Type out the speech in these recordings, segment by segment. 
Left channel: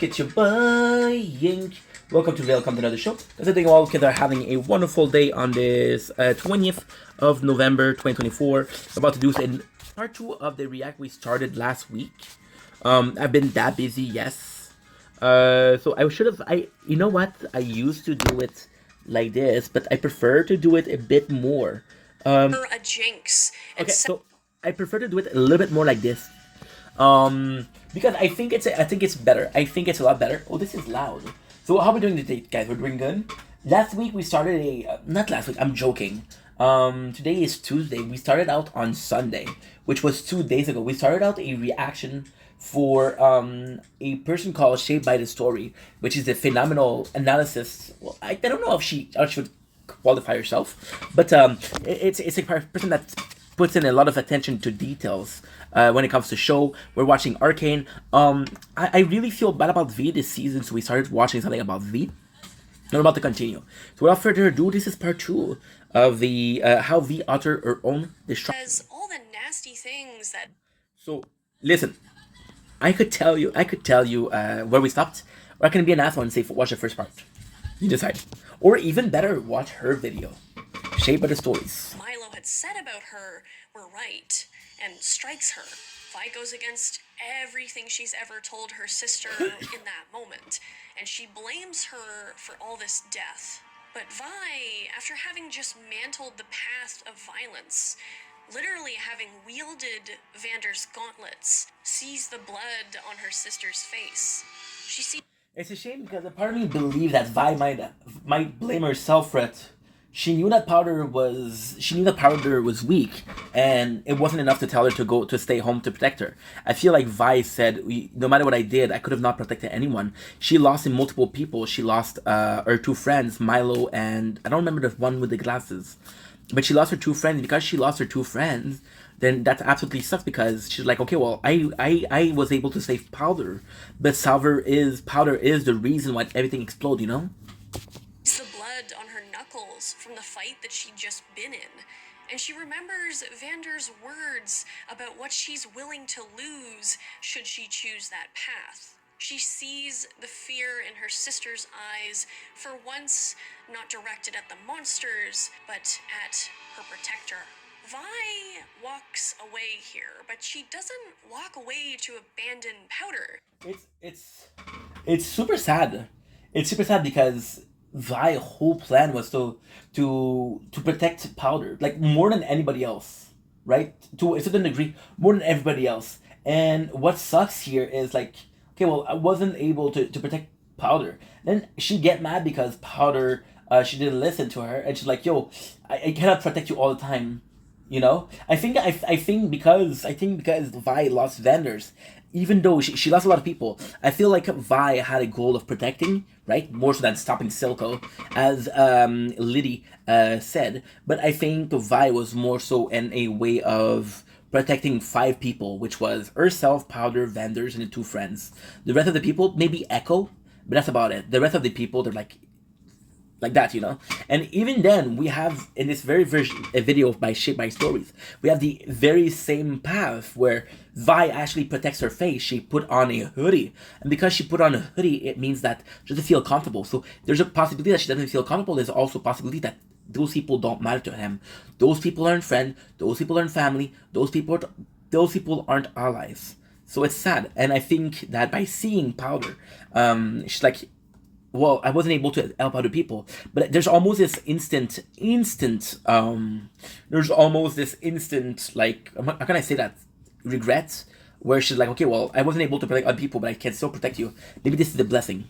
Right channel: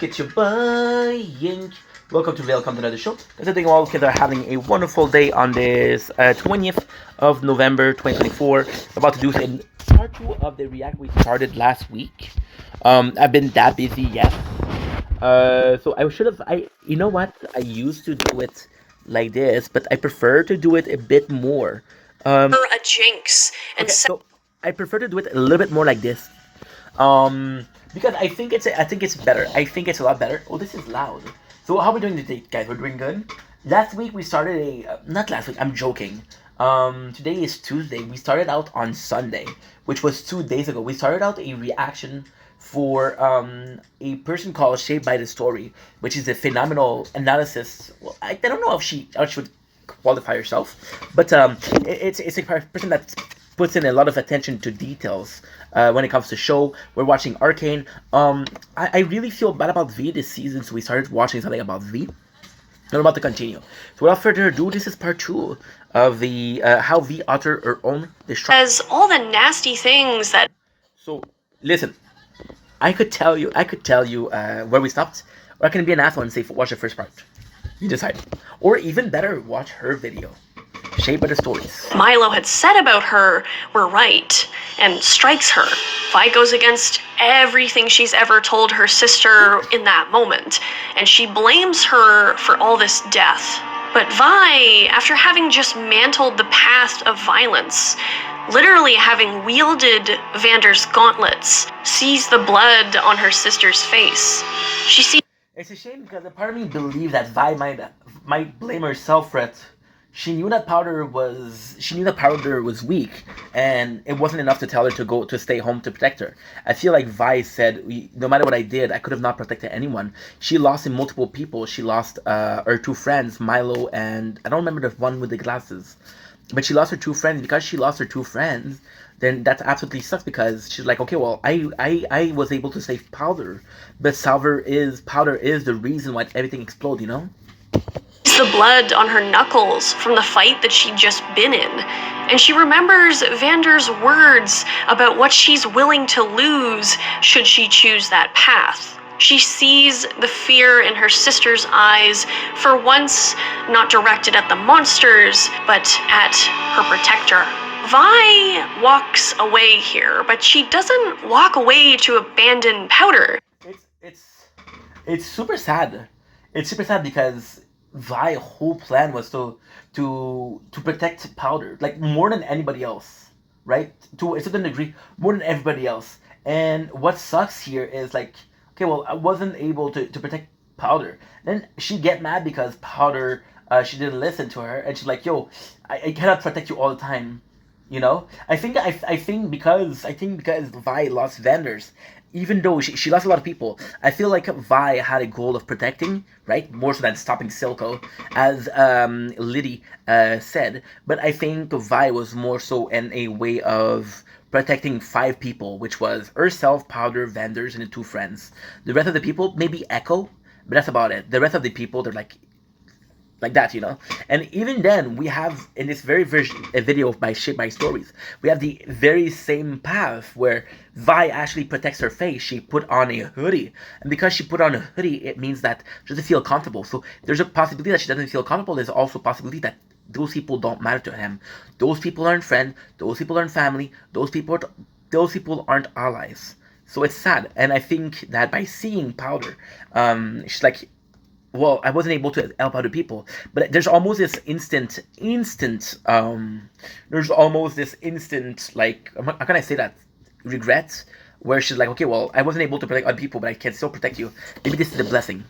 It's your boy Yink. Welcome to another show. Guys, I think all kids are having a wonderful day on this 20th of November 2024. About to do in part 2 of the React we started last week. I've been that busy, yes. So I should have. You know what? I used to do it like this, but I prefer to do it a bit more. A jinx. Okay, so I prefer to do it a little bit more like this. Because I think it's better. I think it's a lot better. Oh, this is loud. So how are we doing today, guys? We're doing good. Last week we started not last week. I'm joking. Today is Tuesday. We started out on Sunday, which was 2 days ago. We started out a reaction for a person called Shaped by the Story, which is a phenomenal analysis. Well, I don't know if she would qualify herself, but it's a person that puts in a lot of attention to details when it comes to show. We're watching Arcane. I really feel bad about V this season, so we started watching something about V. I'm about to continue. So without further ado, this is part 2 of the how V uttered her own destruction. Says all the nasty things that. So listen, I could tell you where we stopped, or I can be an asshole and say watch the first part. You decide, or even better, watch her video. Shaped by the Stories. Milo had said about her were right and strikes her. Vi goes against everything she's ever told her sister in that moment, and she blames her for all this death. But Vi, after having just mantled the path of violence, literally having wielded Vander's gauntlets, sees the blood on her sister's face. She sees. It's a shame because a part of me believed that Vi might blame herself for it. She knew that Powder was weak, and it wasn't enough to tell her to stay home to protect her. I feel like Vi said, no matter what I did, I could have not protected anyone. She lost in multiple people. She lost her 2 friends, Milo and I don't remember the one with the glasses, but she lost her 2 friends. Because she lost her 2 friends, then that absolutely sucks, because she's like, okay, well, I was able to save Powder, but Powder is the reason why everything exploded, you know? The blood on her knuckles from the fight that she'd just been in, and she remembers Vander's words about what she's willing to lose should she choose that path. She sees the fear in her sister's eyes, for once not directed at the monsters, but at her protector. Vi walks away here, but she doesn't walk away to abandon Powder. It's super sad. It's super sad because Vi whole plan was to protect Powder, like more than anybody else, right? To a certain degree, more than everybody else. And what sucks here is like, okay, well, I wasn't able to protect Powder. Then she get mad because Powder she didn't listen to her, and she's like, yo, I cannot protect you all the time. You know, I think because Vi lost Vanders, even though she lost a lot of people, I feel like Vi had a goal of protecting, right? More so than stopping Silco, as Liddy said. But I think Vi was more so in a way of protecting 5 people, which was herself, Powder, Vanders, and the 2 friends. The rest of the people, maybe Echo, but that's about it. The rest of the people, they're like that, you know. And even then, we have in this very video by Shaped by Stories, we have the very same path where Vi actually protects her face. She put on a hoodie, and because she put on a hoodie, it means that she doesn't feel comfortable. So there's a possibility that she doesn't feel comfortable. There's also a possibility that those people don't matter to him. Those people aren't friends. Those people aren't family. Those people aren't allies. So it's sad. And I think that by seeing Powder, she's like, well, I wasn't able to help other people, but there's almost this instant like, how can I say that, regret, where she's like, okay, well, I wasn't able to protect other people, but I can still protect you. Maybe this is a blessing.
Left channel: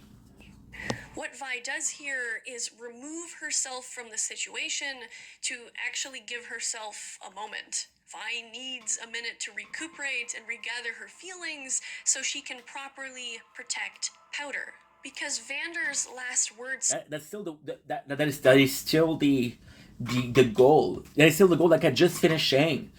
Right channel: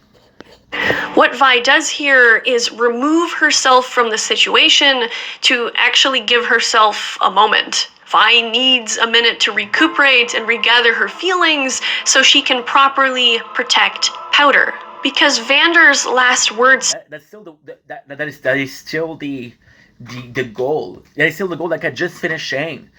What Vi does here is remove herself from the situation to actually give herself a moment. Vi needs a minute to recuperate and regather her feelings so she can properly protect Powder. Because Vander's last words. That's still that is still the goal. That is still the goal. Like I just finished saying,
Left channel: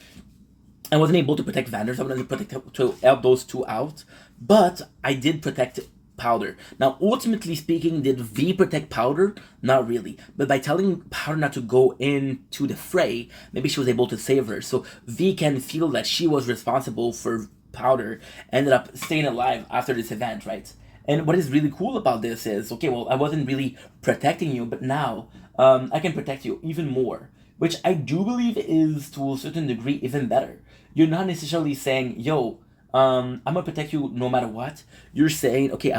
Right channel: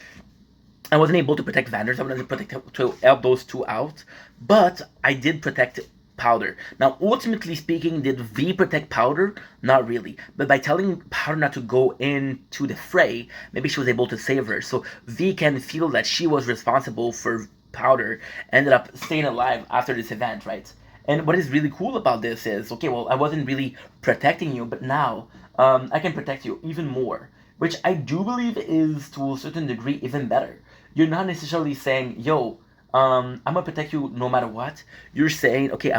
I wasn't able to protect Vander's. I wasn't able to help those 2 out, but I did protect Powder. Now, ultimately speaking, did V protect Powder? Not really. But by telling Powder not to go into the fray, maybe she was able to save her. So V can feel that she was responsible for Powder, ended up staying alive after this event, right? And what is really cool about this is, okay, well, I wasn't really protecting you, but now I can protect you even more, which I do believe is to a certain degree even better. You're not necessarily saying, yo, I'm gonna protect you no matter what. You're saying, okay,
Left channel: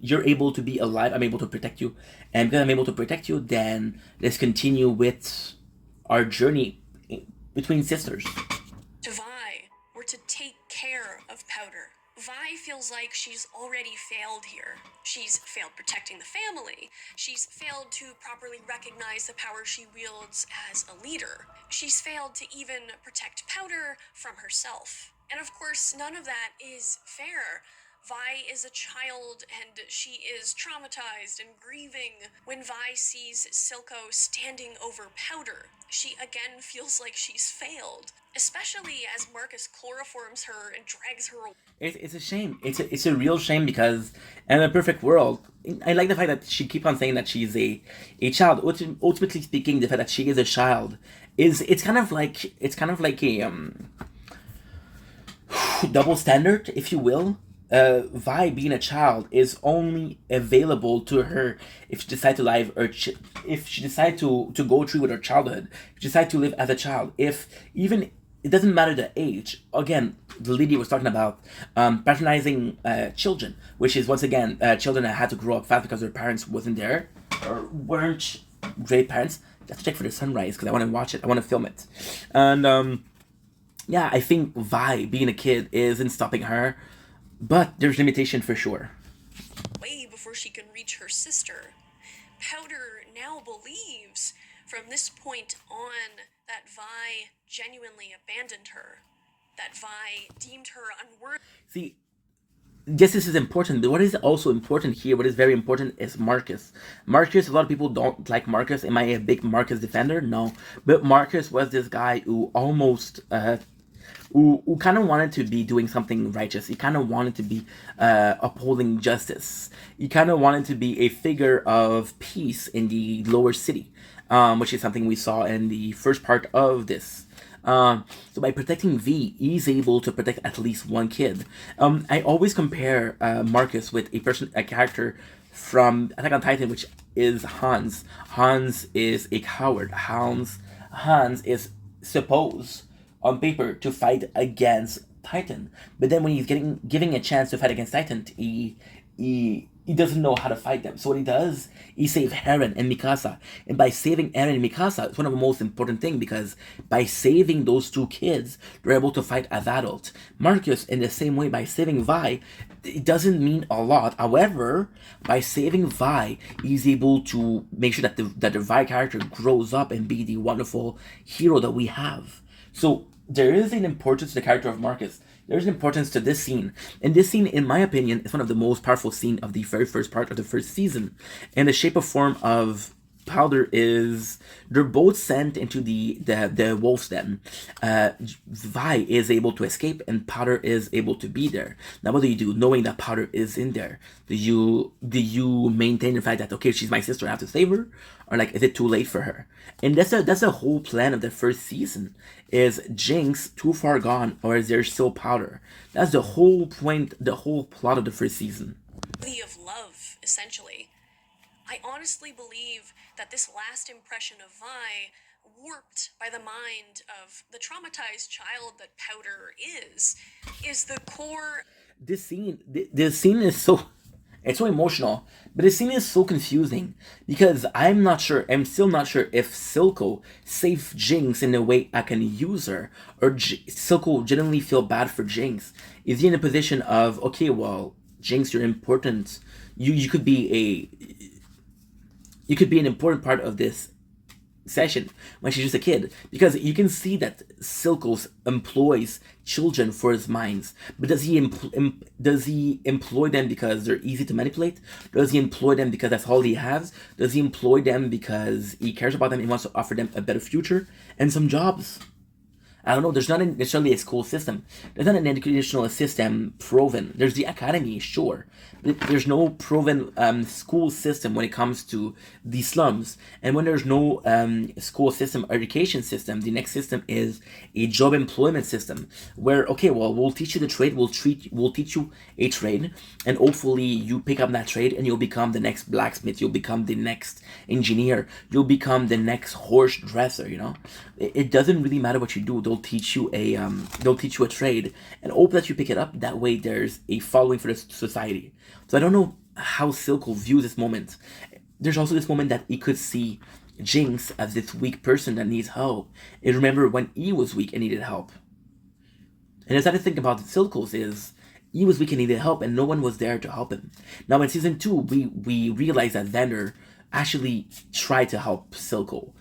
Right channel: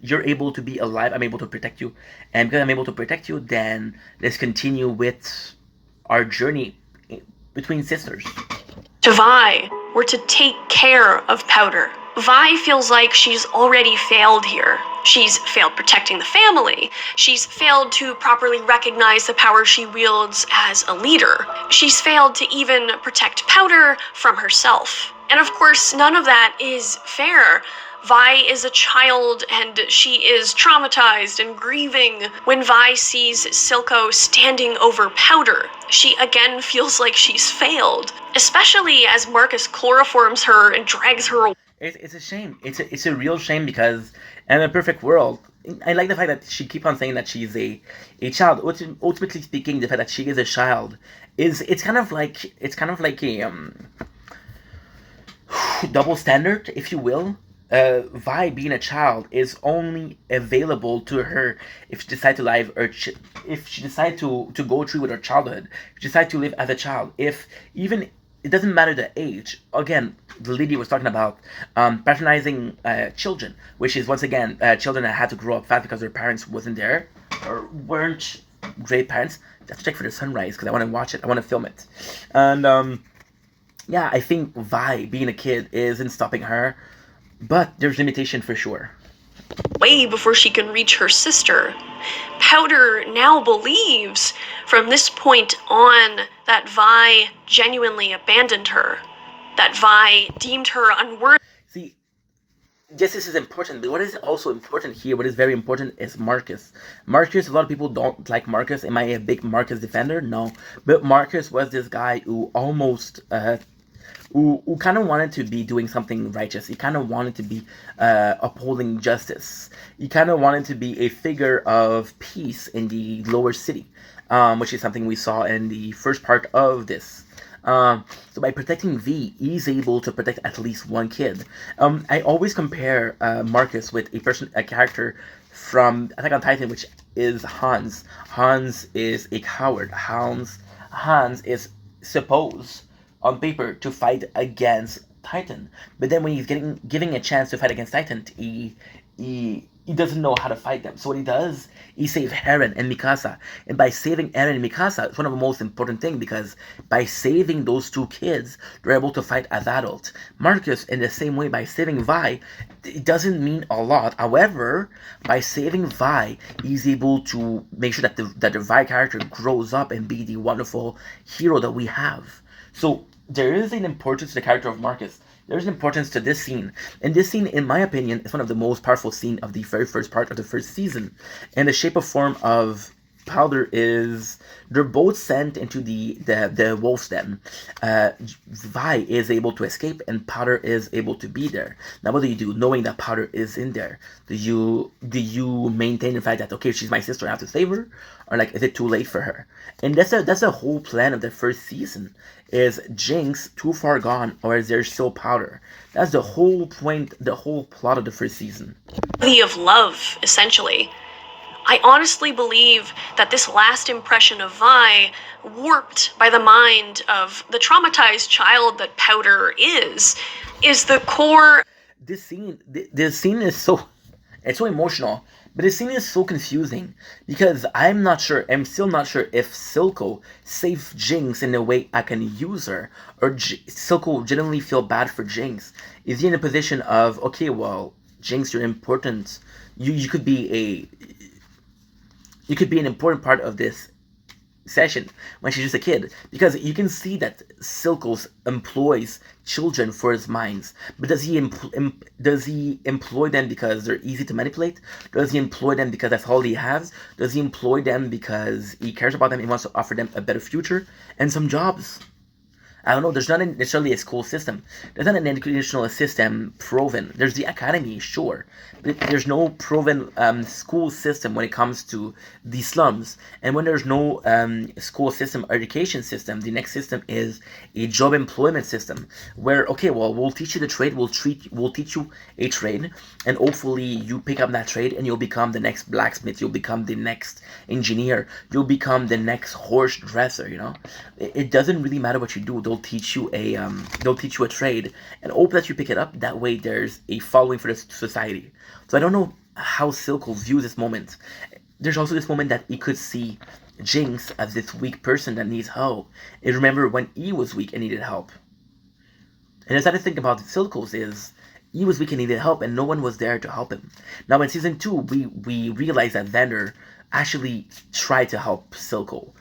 you're able to be alive, I'm able to protect you. And because I'm able to protect you, then let's continue with our journey between sisters. To Vi were to take care of Powder. Vi feels like she's already failed here. She's failed protecting the family. She's failed to properly recognize the power she wields as a leader. She's failed to even protect Powder from herself. And of course, none of that is fair. Vi is a child and she is traumatized and grieving. When Vi sees Silco standing over Powder, she again feels like she's failed, especially as Marcus chloroforms her and drags her away. It's a shame. It's a real shame because in a perfect world, I like the fact that she keep on saying that she's a child. Ultimately speaking, the fact that she is a child is it's kind of like a double standard, if you will. Vi being a child is only available to her if she decides to live or if she decides to go through with her childhood, if she decides to live as a child. If even it doesn't matter the age. Again, the lady was talking about patronizing children, which is once again children that had to grow up fast because their parents wasn't there or weren't great parents. I have to check for the sunrise because I want to watch it. I want to film it, and yeah, I think Vi being a kid isn't stopping her. But there's limitation for sure. Way before she can reach her sister. Powder now believes from this point on that Vi genuinely abandoned her, that Vi deemed her unworthy. See, yes, this is important, but what is also important here, what is very important is Marcus. Marcus, a lot of people don't like Marcus. Am I a big Marcus defender? No. But Marcus was this guy who almost who kind of wanted to be doing something righteous. He kind of wanted to be upholding justice. He kind of wanted to be a figure of peace in the lower city, which is something we saw in the first part of this. So by protecting V, he's able to protect at least one kid. I always compare Marcus with a character from Attack on Titan, which is Hans. Hans is a coward. Hans is supposed on paper to fight against Titan, but then when he's giving a chance to fight against Titan, he doesn't know how to fight them. So what he does, he saves Eren and Mikasa, and by saving Eren and Mikasa, it's one of the most important things because by saving those two kids, they're able to fight as adults. Marcus, in the same way, by saving Vi, it doesn't mean a lot. However, by saving Vi, he's able to make sure that the Vi character grows up and be the wonderful hero that we have. So there is an importance to the character of Marcus. There's an importance to this scene. And this scene, in my opinion, is one of the most powerful scenes of the very first part of the first season. And the shape of form of Powder is they're both sent into the wolf's den. Vi is able to escape and Powder is able to be there. Now what do you do knowing that Powder is in there? Do you maintain the fact that okay, she's my sister, I have to save her? Or like is it too late for her? And that's the whole plan of the first season. Is Jinx too far gone or is there still Powder? That's the whole point, the whole plot of the first season. Of love, essentially. I honestly believe that this last impression of Vi, warped by the mind of the traumatized child that Powder is the core. This scene is it's so emotional, but this scene is so confusing because I'm still not sure if Silco saved Jinx in a way I can use her, or Silco genuinely feel bad for Jinx. Is he in a position of, okay, well, Jinx, you're important. You could be an important part of this session when she's just a kid, because you can see that Silco employs children for his minds, but does he employ them because they're easy to manipulate? Does he employ them because that's all he has? Does he employ them because he cares about them and wants to offer them a better future and some jobs? I don't know. There's not necessarily a school system. There's not an educational system proven. There's the academy, sure, but there's no proven school system when it comes to the slums. And when there's no school system, education system, the next system is a job employment system where, okay, well, we'll teach you the trade. We'll teach you a trade, and hopefully you pick up that trade and you'll become the next blacksmith. You'll become the next engineer. You'll become the next horse dresser. It doesn't really matter what you do. They'll teach you a trade and hope that you pick it up. That way there's a following for the society. So I don't know how Silco views this moment. There's also this moment that he could see Jinx as this weak person that needs help. And remember when he was weak and needed help. And as I think about Silco's is he was weak and needed help and no one was there to help him. Now in season 2 we realize that Vander actually tried to help Silco.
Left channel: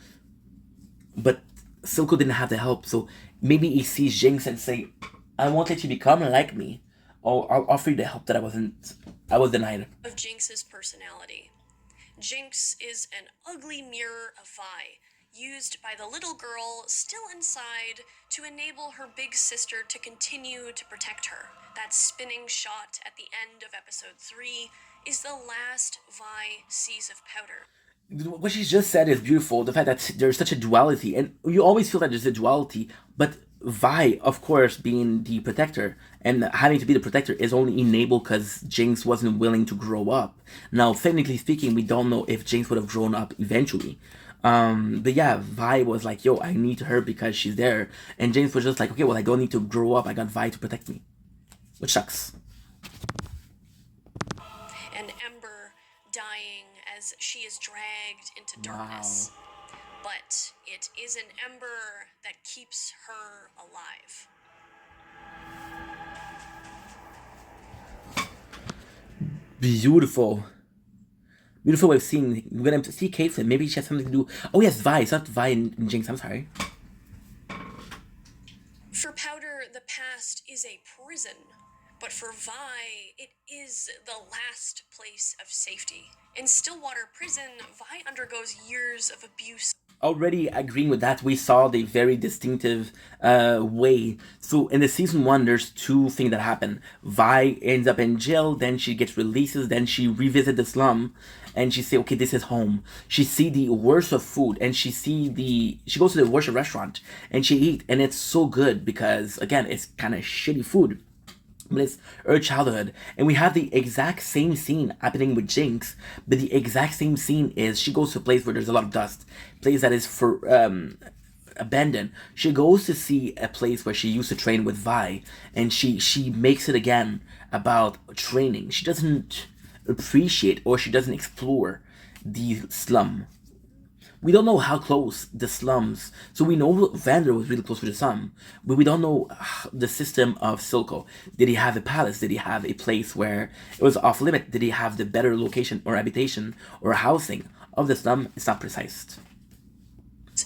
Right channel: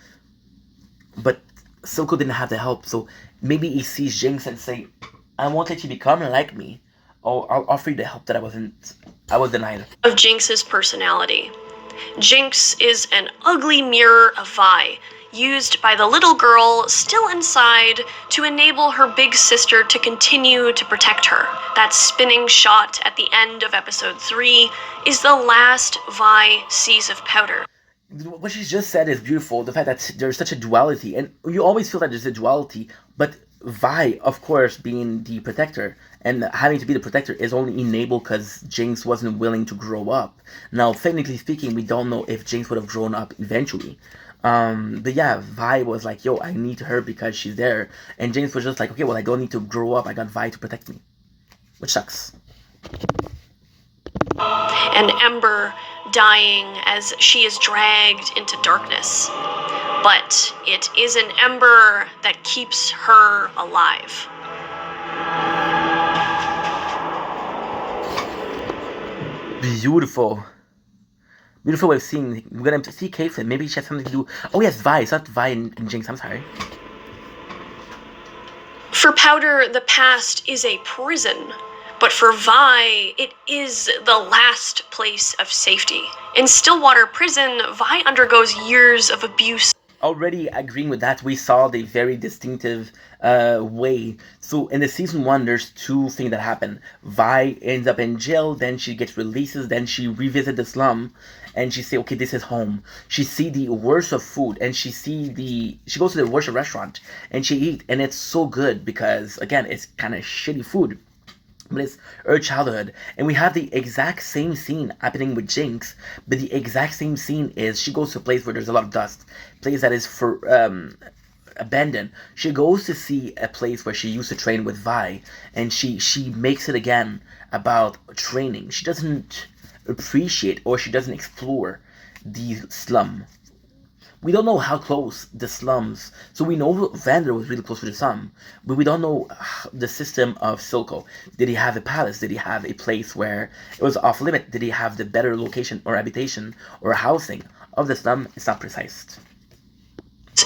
But Silco didn't have the help, so maybe he sees Jinx and say, I won't let you become like me. Or I'll offer you the help that I was denied. Of Jinx's personality. Jinx is an ugly mirror of Vi, used by the little girl still inside to enable her big sister to continue to protect her. That spinning shot at the end of episode 3 is the last Vi sees of Powder. What she just said is beautiful. The fact that there's such a duality, and you always feel that there's a duality, but Vi, of course, being the protector and having to be the protector is only enabled because Jinx wasn't willing to grow up. Now, technically speaking, we don't know if Jinx would have grown up eventually. But yeah, Vi was like, yo, I need her because she's there. And Jinx was just like, okay, well, I don't need to grow up. I got Vi to protect me. Which sucks. And Ember dying as she is dragged into darkness. But it is an Ember that keeps her alive. Beautiful. Beautiful way of seeing. We're gonna see Caitlyn. Maybe she has something to do. Oh yes, Vi. It's not Vi and Jinx. I'm sorry. For Powder, the past is a prison. But for Vi, it is the last place of safety. In Stillwater Prison, Vi undergoes years of abuse. Already agreeing with that, we saw the very distinctive way. So in the season 1, there's 2 things that happen. Vi ends up in jail, then she gets releases, then she revisits the slum, and she say, okay, this is home. She see the worst of food, and she goes to the worst of restaurant, and she eat, and it's so good because, again, it's kind of shitty food. But it's her childhood. And we have the exact same scene happening with Jinx. But the exact same scene is she goes to a place where there's a lot of dust. A place that is for abandoned. She goes to see a place where she used to train with Vi. And she makes it again about training. She doesn't appreciate or she doesn't explore the slum. We don't know how close the slums. So we know Vander was really close to the slum, but we don't know the system of Silco. Did he have a palace? Did he have a place where it was off limit? Did he have the better location or habitation or housing of the slum? It's not precise.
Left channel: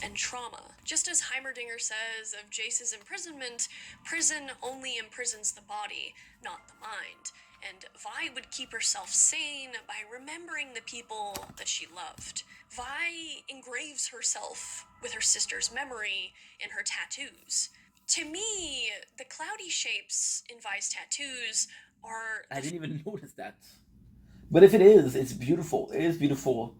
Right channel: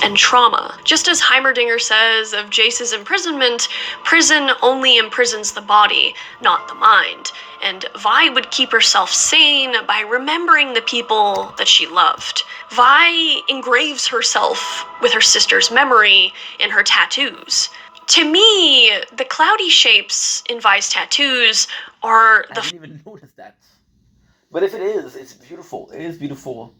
And trauma. Just as Heimerdinger says of Jace's imprisonment, prison only imprisons the body, not the mind. And Vi would keep herself sane by remembering the people that she loved. Vi engraves herself with her sister's memory in her tattoos. To me, the cloudy shapes in Vi's tattoos are the... I didn't even notice that. But if it is, it's beautiful. It is beautiful.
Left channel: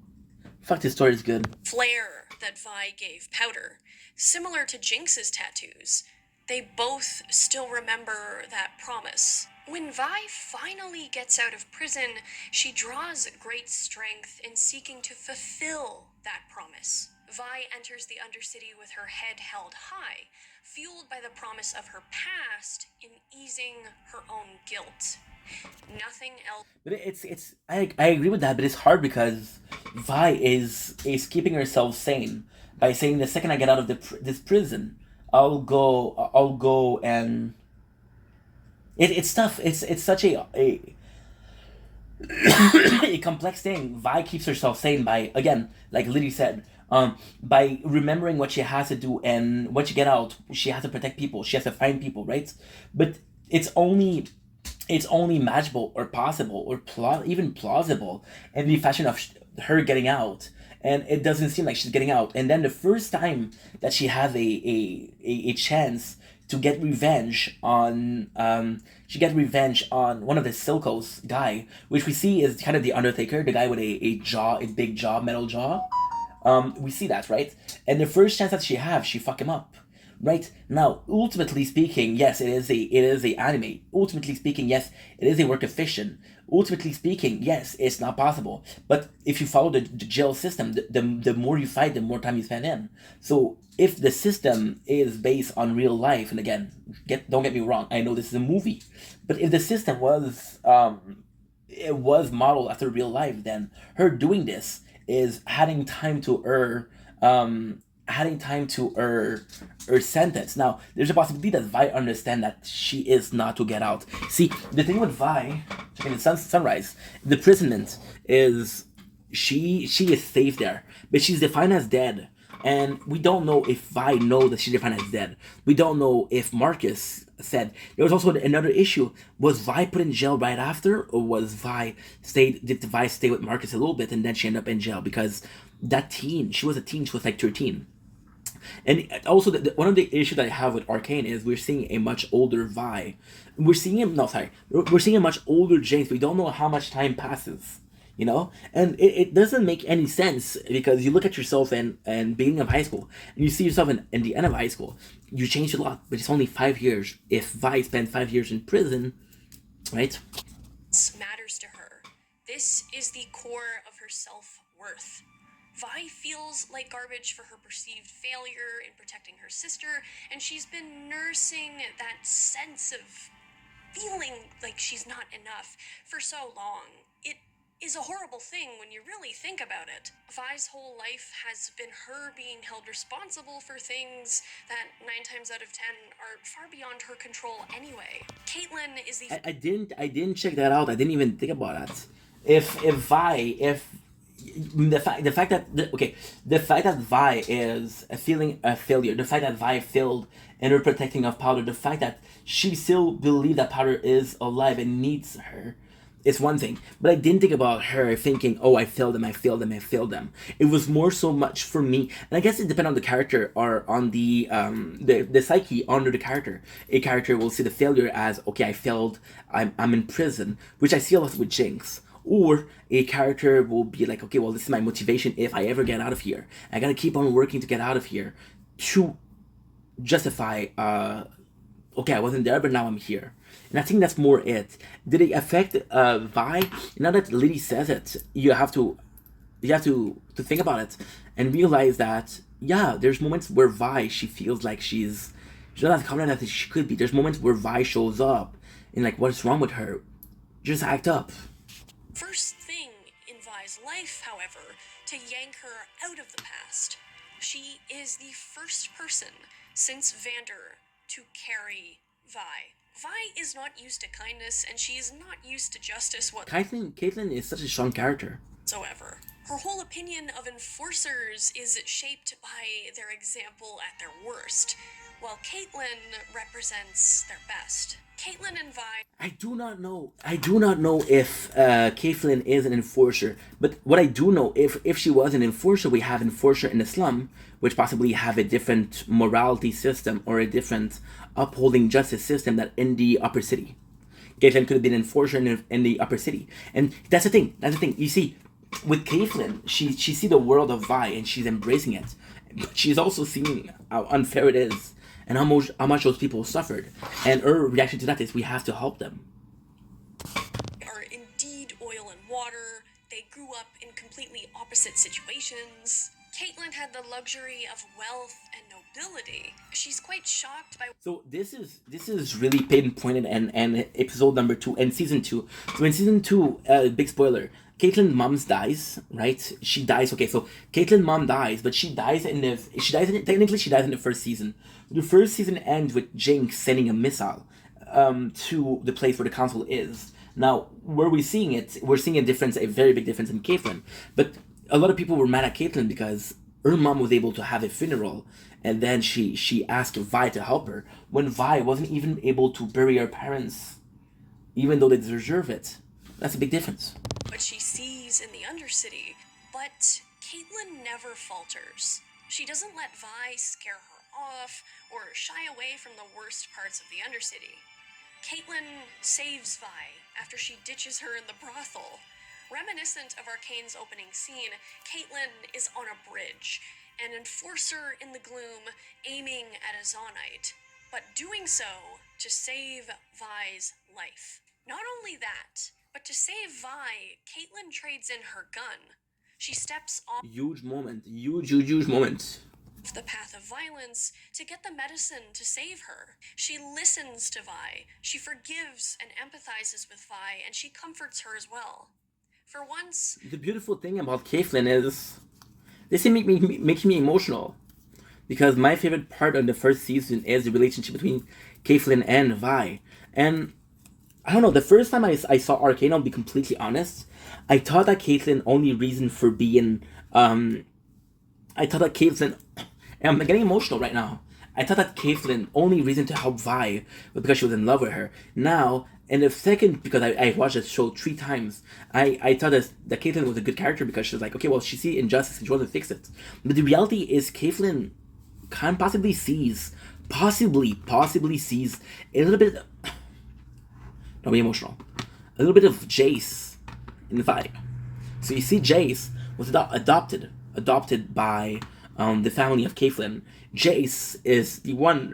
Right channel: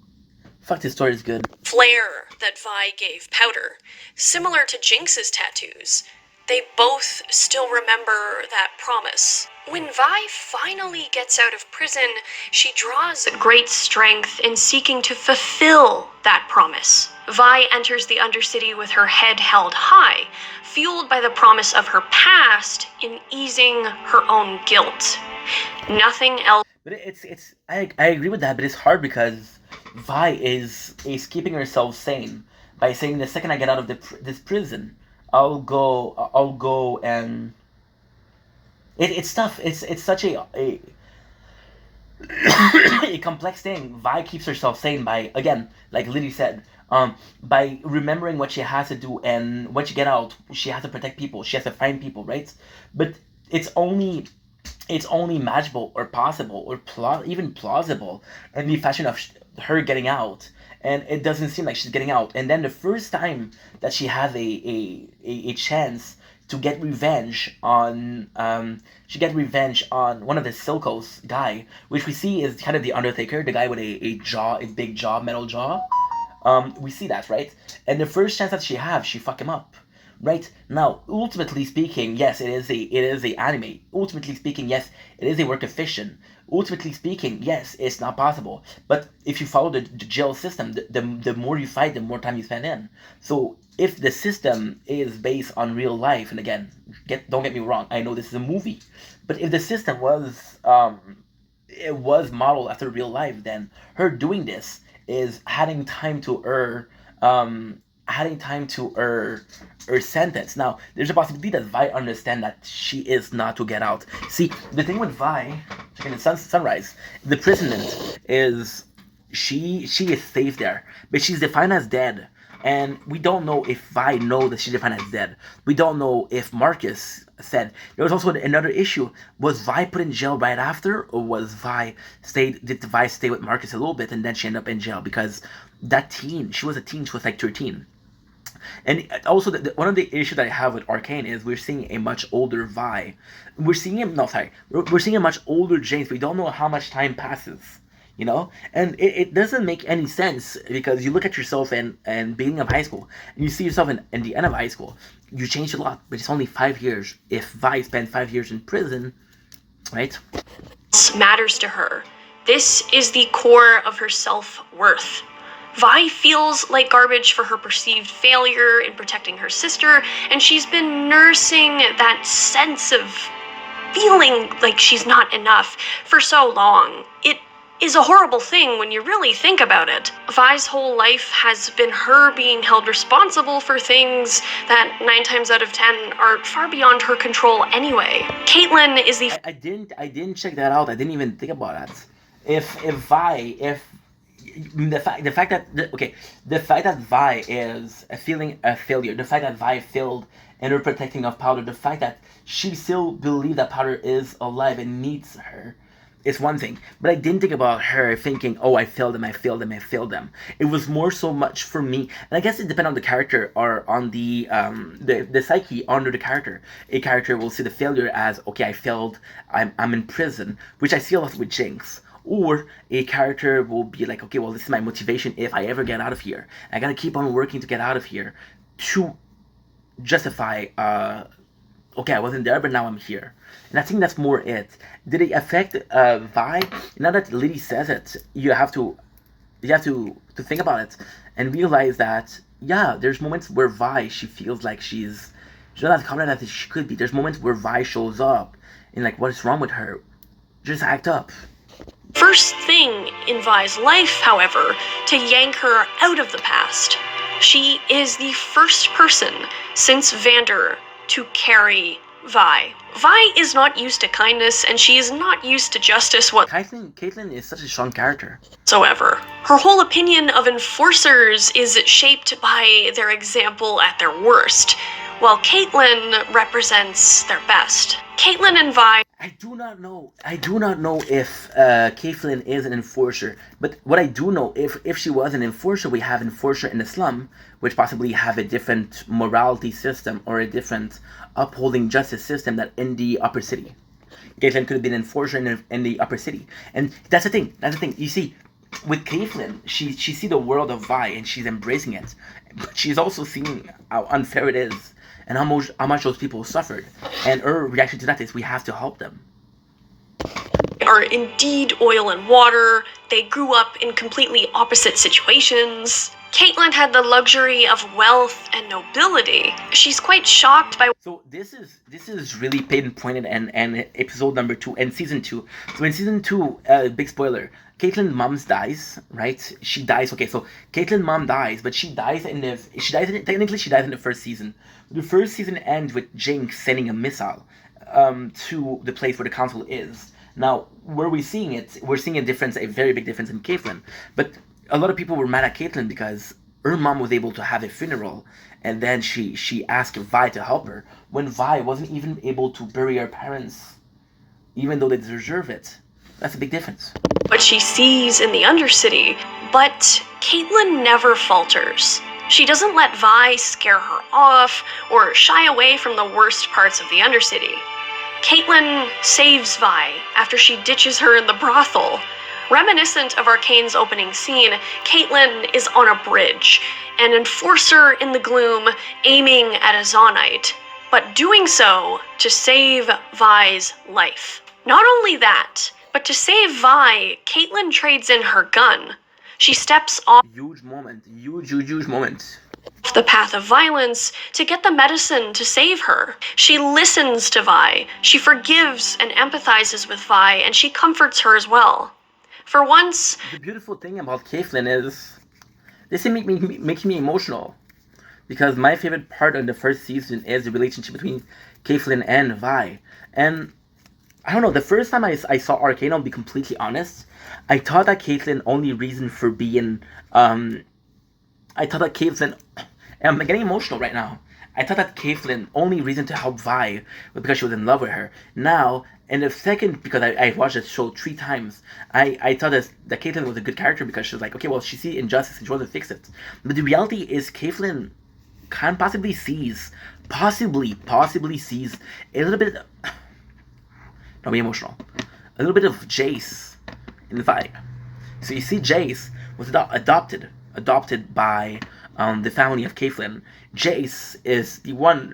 Fuck, this story is good. Flair that Vi gave Powder. Similar to Jinx's tattoos, they both still remember that promise. When Vi finally gets out of prison, she draws great strength in seeking to fulfill that promise. Vi enters the Undercity with her head held high, fueled by the promise of her past in easing her own guilt. Nothing else. But I agree with that, but it's hard because Vi is keeping herself sane by saying the second I get out of this prison, I'll go and it's tough. It's such a a complex thing. Vi keeps herself sane by, again, like Liddy said, by remembering what she has to do, and when she get out, she has to protect people. She has to find people, right? But it's only imaginable or possible or even plausible in the fashion of her getting out and it doesn't seem like she's getting out. And then the first time that she has a chance to get revenge on she get revenge on one of the Silkos guy, which we see is kind of the Undertaker, the guy with a big jaw, metal jaw. We see that, right? And the first chance that she have, she fuck him up. Right now, ultimately speaking, yes, it is a anime. Ultimately speaking, yes, it is a work of fiction. Ultimately speaking, yes, it's not possible. But if you follow the jail system, the more you fight, the more time you spend in. So if the system is based on real life, and again, don't get me wrong, I know this is a movie, but if the system was it was modeled after real life, then her doing this is adding time to her sentence. Now, there's a possibility that Vi understand that she is not to get out. See, the thing with Vi, in the Sunrise, the imprisonment is she is safe there, but she's defined as dead. And we don't know if Vi know that she's defined as dead. We don't know if Marcus said. There was also another issue. Was Vi put in jail right after, or did Vi stay with Marcus a little bit and then she ended up in jail? Because that teen, she was a teen, she was like 13. And also, one of the issues that I have with Arcane is we're seeing a much older Vi. We're seeing a much older James. We don't know how much time passes, and it doesn't make any sense, because you look at yourself and beginning of high school, and you see yourself in the end of high school. You changed a lot, but it's only 5 years. If Vi spent 5 years in prison, right? Matters to her. This is the core of her self-worth. Vi feels like garbage for her perceived failure in protecting her sister, and she's been nursing that sense of feeling like she's not enough for so long. It is a horrible thing when you really think about it. Vi's whole life has been her being held responsible for things that 9 times out of 10 are far beyond her control anyway. Caitlin is the... I didn't check that out. I didn't even think about that. If the fact that Vi is feeling a failure, the fact that Vi failed in her protecting of Powder, the fact that she still believes that Powder is alive and needs her, is one thing. But I didn't think about her thinking, oh, I failed them. It was more so much for me, and I guess it depends on the character or on the psyche under the character. A character will see the failure as, okay, I failed, I'm in prison, which I see a lot with Jinx. Or a character will be like, okay, well, this is my motivation if I ever get out of here. I gotta keep on working to get out of here to justify, okay, I wasn't there, but now I'm here. And I think that's more it. Did it affect Vi? Now that Lily says it, you have to think about it and realize that, yeah, there's moments where Vi, she feels like she's not as confident as she could be. There's moments where Vi shows up and like, what is wrong with her? Just act up. First thing in Vi's life, however, to yank her out of the past. She is the first person since Vander to carry Vi. Vi is not used to kindness, and she is not used to justice Caitlin is such a strong character. whatsoever. Her whole opinion of enforcers is shaped by their example at their worst, while Caitlin represents their best. Caitlin and Vi... I do not know if Caitlin is an enforcer, but what I do know, if she was an enforcer, we have enforcer in the slum, which possibly have a different morality system or a different upholding justice system that in the upper city. Caitlin could have been an enforcer in the upper city, and that's the thing. You see, with Caitlin, she see the world of Vi and she's embracing it, but she's also seeing how unfair it is. And how much those people suffered. And her reaction to that is, we have to help them. Are indeed oil and water. They grew up in completely opposite situations. Caitlin had the luxury of wealth and nobility. She's quite shocked by... So this is really pinpointed and episode number 2 and season 2. So in season 2, big spoiler, Caitlin's mom dies, right? She dies. Okay, so Caitlin's mom dies, but she dies in the first season. The first season ends with Jinx sending a missile to the place where the council is. Now, where we're seeing it, we're seeing a very big difference in Caitlin. But a lot of people were mad at Caitlin because her mom was able to have a funeral, and then she asked Vi to help her when Vi wasn't even able to bury her parents, even though they deserve it. That's a big difference. What she sees in the Undercity, but Caitlin never falters. She doesn't let Vi scare her off or shy away from the worst parts of the Undercity. Caitlin saves Vi after she ditches her in the brothel. Reminiscent of Arcane's opening scene, Caitlin is on a bridge, an enforcer in the gloom aiming at a Zaunite, but doing so to save Vi's life. Not only that, but to save Vi, Caitlin trades in her gun. She steps off Huge moment. Huge moment. the path of violence to get the medicine to save her. She listens to Vi, she forgives and empathizes with Vi, and she comforts her as well. For once, The beautiful thing about Caitlyn is this makes me emotional, because my favorite part of the first season is the relationship between Caitlyn and Vi. And I don't know, the first time I saw Arcane, I'll be completely honest, I thought that Caitlyn only reason for being I thought that Caitlyn, I'm getting emotional right now. I thought that Caitlyn only reason to help Vi was because she was in love with her. Now, in the second, because I watched the show 3 times, I thought that Caitlyn was a good character because she was like, okay, well, she see injustice and she wants to fix it. But the reality is Caitlyn can possibly sees a little bit, don't be emotional, a little bit of Jace in the Vi. So you see Jace was adopted by the family of Caitlyn. Jace is the one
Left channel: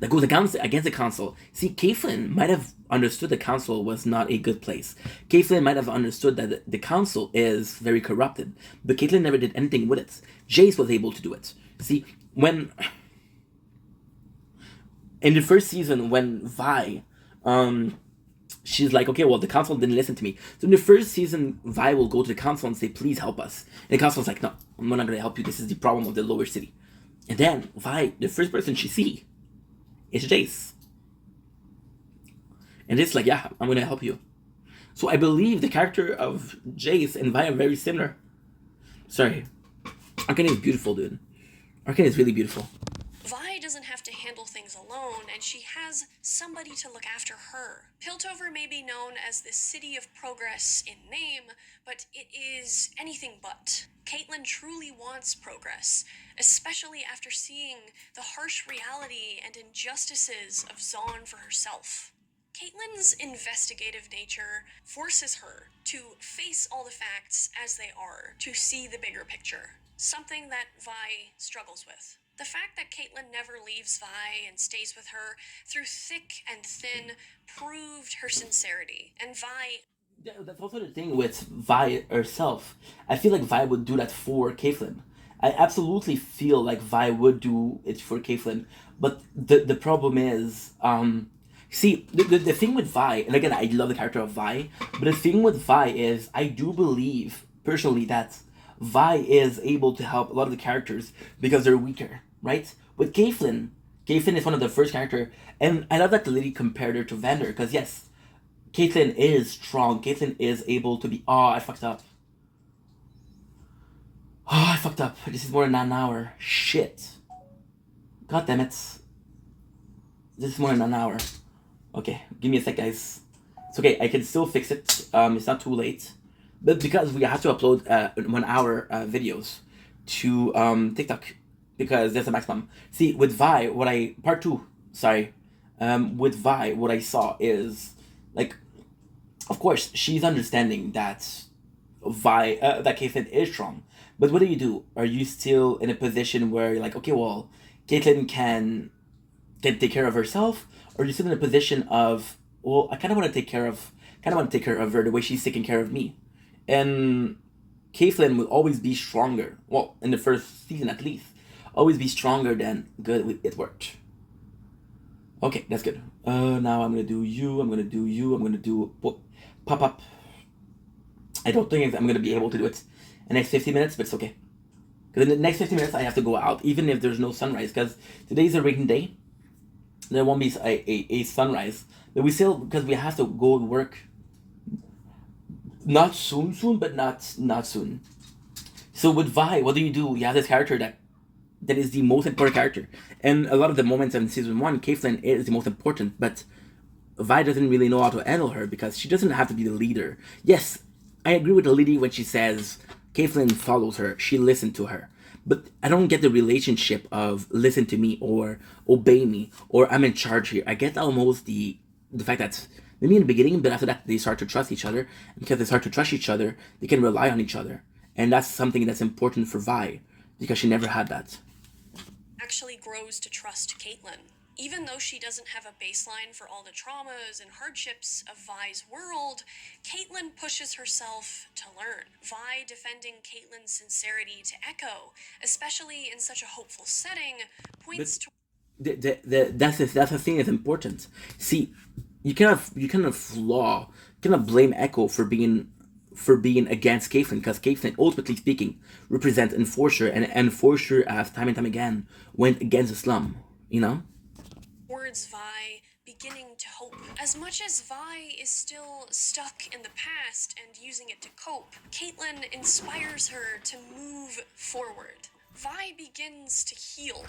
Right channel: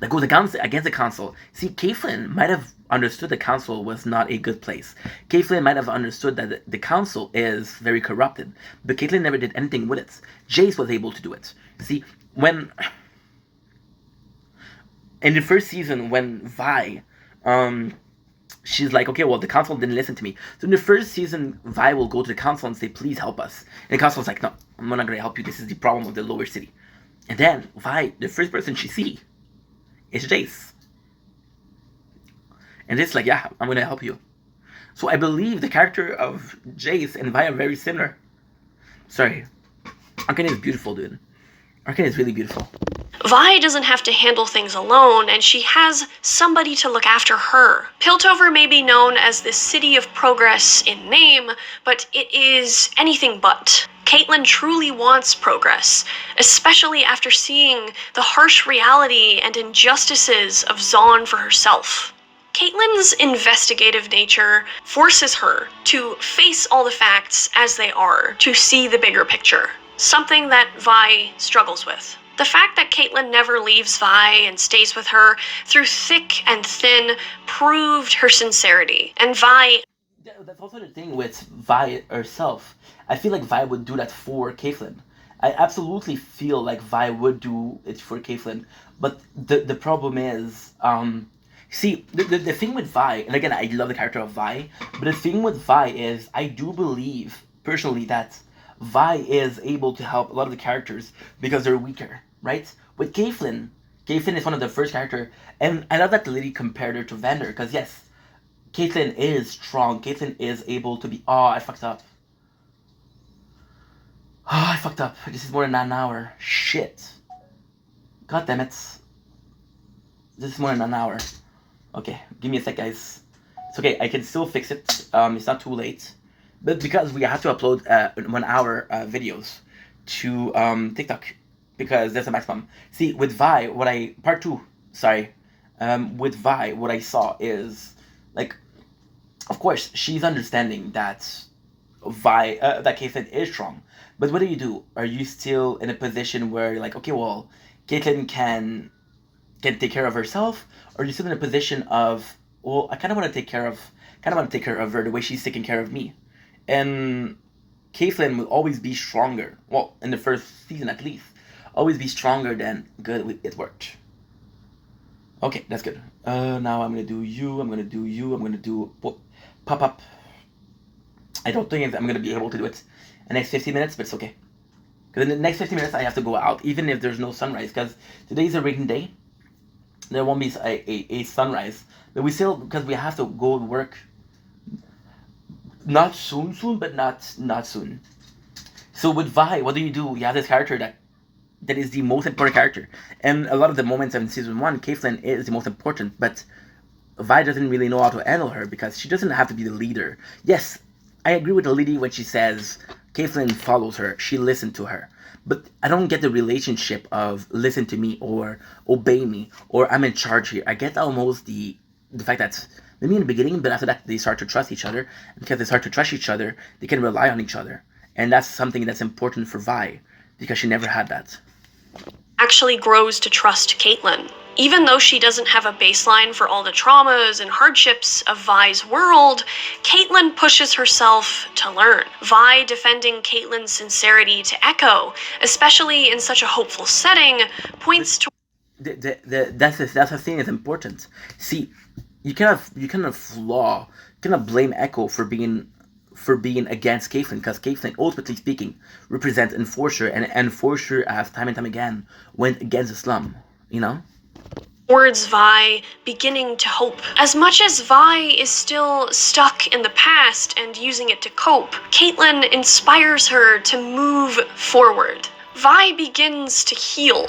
that goes against the council. See, Caitlyn might have understood the council was not a good place. Caitlyn might have understood that the council is very corrupted, but Caitlyn never did anything with it. Jace was able to do it. See, when in the first season, when Vi, she's like, okay, well, the council didn't listen to me. So in the first season, Vi will go to the council and say, please help us. And the council's like, no, I'm not going to help you. This is the problem of the lower city. And then Vi, the first person she see is Jace. And it's like, yeah, I'm going to help you. So I believe the character of Jace and Vi are very similar. Sorry. Arcane is beautiful, dude. Arcane is really beautiful. Vi doesn't have to handle things alone, and she has somebody to look after her. Piltover may be known as the City of Progress in name, but it is anything but. Caitlyn truly wants progress, especially after seeing the harsh reality and injustices of Zaun for herself. Caitlyn's investigative nature forces her to face all the facts as they are, to see the bigger picture, something that Vi struggles with. The fact that Caitlyn never leaves Vi and stays with her through thick and thin proved her sincerity. And Vi... That's also the thing with Vi herself. I feel like Vi would do that for Caitlyn. I absolutely feel like Vi would do it for Caitlyn. But the problem is, see, the thing with Vi, and again, I love the character of Vi, but the thing with Vi is, I do believe, personally, that Vi is able to help a lot of the characters because they're weaker, right? With Caitlyn is one of the first character, and I love that the lady compared her to Vander, because yes, Caitlyn is strong. Caitlyn is able to be... Oh, I fucked up. Oh, I fucked up. This is more than an hour. Shit. God damn it. This is more than an hour. Okay, give me a sec, guys. It's okay, I can still fix it. It's not too late. But because we have to upload 1 hour videos to TikTok, because that's the maximum. See, with Vi, part 2, sorry. With Vi, what I saw is, like, of course, she's understanding that that Caitlyn is strong. But what do? Are you still in a position where you're like, okay, well, Caitlyn can take care of herself? Or are you still in a position of, well, I kind of want to take care of her the way she's taking care of me? And Caitlyn will always be stronger. Well, in the first season at least, always be stronger than good. It worked. Okay, that's good. Now I'm gonna do you. I'm gonna do pop up. I don't think I'm gonna be able to do it in the next 50 minutes, but it's okay. Because in the next 50 minutes I have to go out, even if there's no sunrise. Because today's a rainy day, there won't be a sunrise. But we still, because we have to go work. Not soon, but not soon. So with Vi, what do? You have this character that is the most important character. And a lot of the moments in season 1, Caitlyn is the most important, but Vi doesn't really know how to handle her because she doesn't have to be the leader. Yes, I agree with the lady when she says Caitlyn follows her. She listened to her. But I don't get the relationship of listen to me or obey me or I'm in charge here. I get almost the fact that maybe in the beginning, but after that they start to trust each other. And because they start to trust each other, they can rely on each other. And that's something that's important for Vi because she never had that. Actually grows to trust Caitlyn. Even though she doesn't have a baseline for all the traumas and hardships of Vi's world, Caitlyn pushes herself to learn. Vi defending Caitlyn's sincerity to Echo, especially in such a hopeful setting, points to That's the thing that's important. See, you cannot blame Echo for being against Caitlyn because Caitlyn, ultimately speaking, represents Enforcer, and Enforcer, as time and time again, went against Islam. You know. Towards Vi beginning to hope. As much as Vi is still stuck in the past and using it to cope, Caitlyn inspires her to move forward. Vi begins to heal.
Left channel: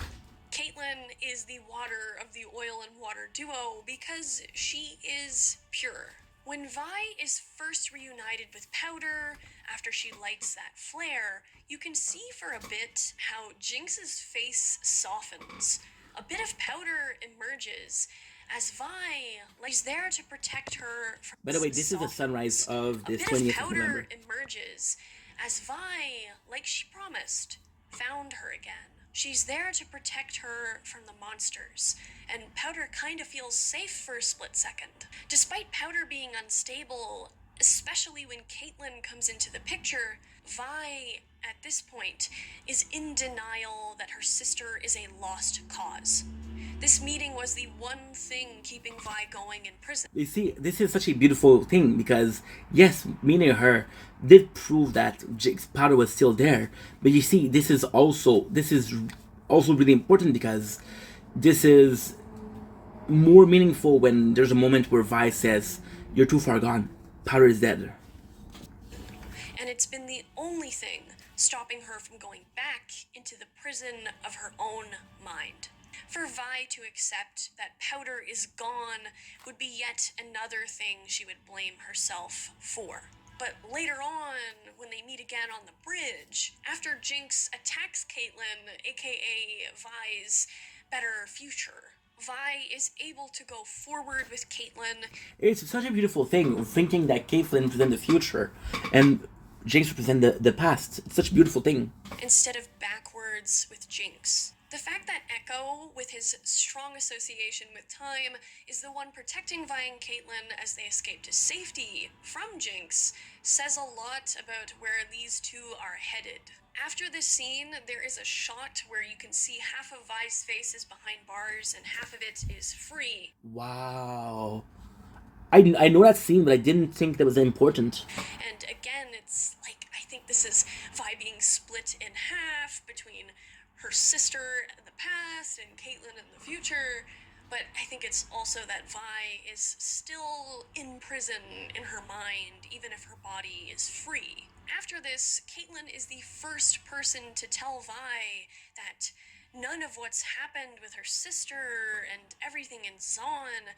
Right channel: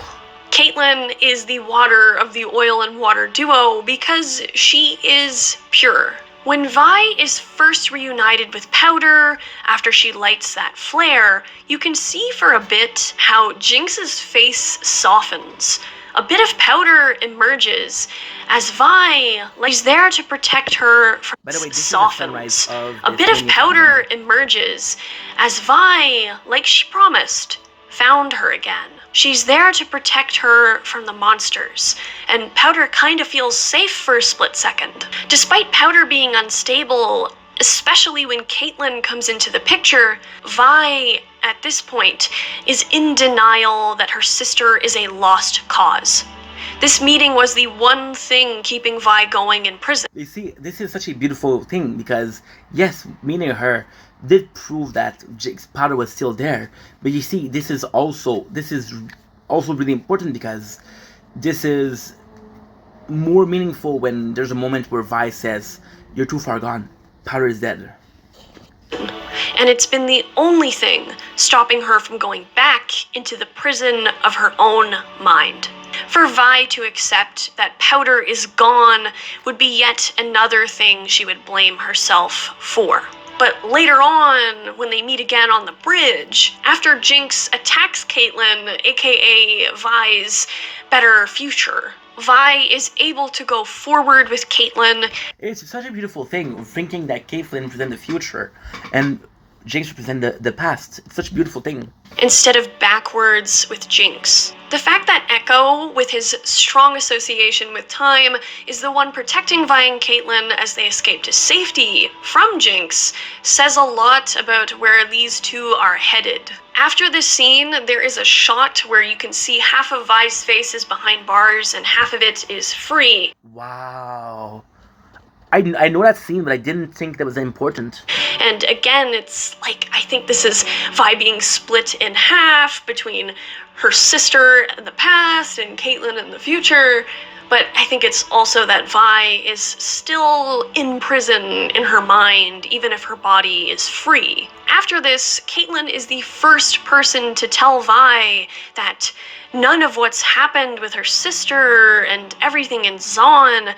Caitlyn is the water of the oil and water duo because she is pure. When Vi is first reunited with Powder after she lights that flare, you can see for a bit how Jinx's face softens. A bit of powder emerges as Vi, like she's there to protect her from By the way, this softens. is the sunrise of A bit of powder emerges as Vi, like she promised, found her again. She's there to protect her from the monsters, and Powder kind of feels safe for a split second. Despite Powder being unstable, especially when Caitlyn comes into the picture, Vi, at this point, is in denial that her sister is a lost cause. This meeting was the one thing keeping Vi going in prison. You see, this is such a beautiful thing because, yes, meeting her did prove that Jinx Powder was still there. But you see, this is also really important because this is more meaningful when there's a moment where Vi says, "You're too far gone. Powder is dead." And it's been the only thing stopping her from going back into the prison of her own mind. For Vi to accept that Powder is gone would be yet another thing she would blame herself for. But later on, when they meet again on the bridge, after Jinx attacks Caitlyn, aka Vi's better future, Vi is able to go forward with Caitlyn. It's such a beautiful thing, thinking that Caitlyn represents the future and Jinx represents the past. It's such a beautiful thing. Instead of backwards with Jinx. The fact that Echo, with his strong association with time, is the one protecting Vi and Caitlyn as they escape to safety from Jinx says a lot about where these two are headed. After this scene, there is a shot where you can see half of Vi's face is behind bars and half of it is free. Wow. I know that scene, but I didn't think that was important. And again, it's like, I think this is Vi being split in half between her sister in the past and Caitlyn in the future. But I think it's also that Vi is still in prison in her mind, even if her body is free. After this, Caitlyn is the first person to tell Vi that none of what's happened with her sister and everything in Zaun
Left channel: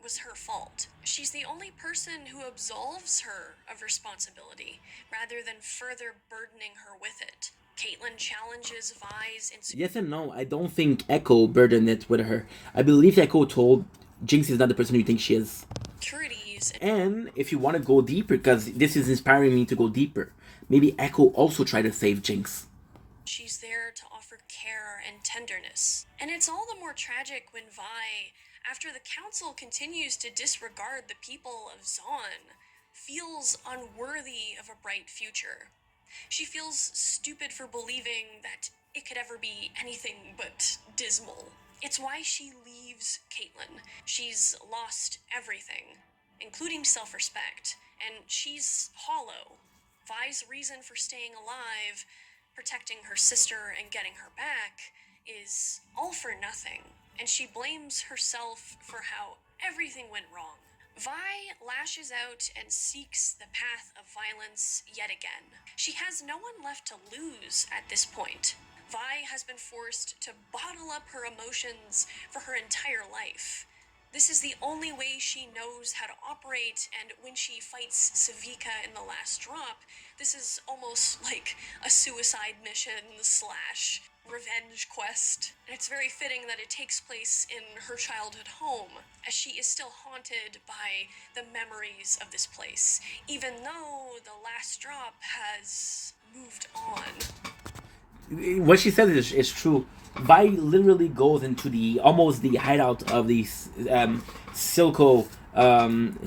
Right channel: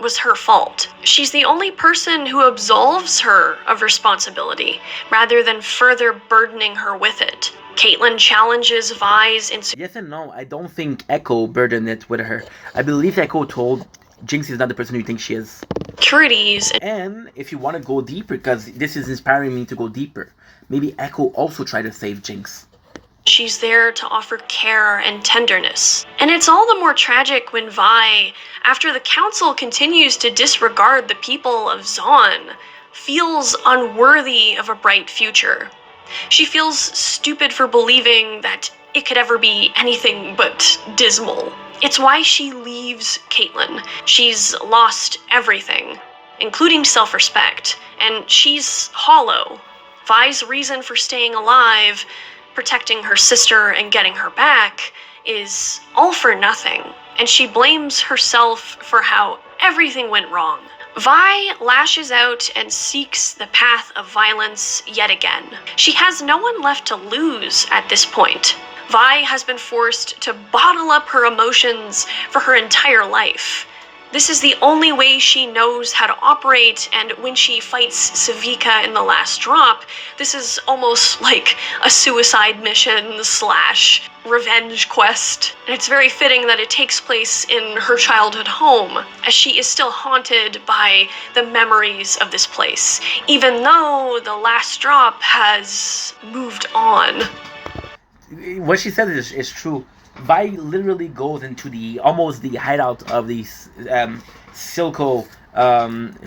was her fault. She's the only person who absolves her of responsibility, rather than further burdening her with it. Caitlyn challenges Vi's Yes and no. I don't think Echo burdened it with her. I believe Echo told Jinx is not the person you think she is. insecurities. And if you want to go deeper, because this is inspiring me to go deeper, maybe Echo also tried to save Jinx. She's there to offer care and tenderness. And it's all the more tragic when Vi, after the council continues to disregard the people of Zaun, feels unworthy of a bright future. She feels stupid for believing that it could ever be anything but dismal. It's why she leaves Caitlyn. She's lost everything, including self-respect, and she's hollow. Vi's reason for staying alive, protecting her sister and getting her back, is all for nothing, and she blames herself for how everything went wrong. Vi lashes out and seeks the path of violence yet again. She has no one left to lose at this point. Vi has been forced to bottle up her emotions for her entire life. This is the only way she knows how to operate, and when she fights Savika in the last drop, this is almost like a suicide mission slash revenge quest. And it's very fitting that it takes place in her childhood home, as she is still haunted by the memories of this place, even though the last drop has moved on. What she said is true. Vi literally goes into the almost the hideout of these Silco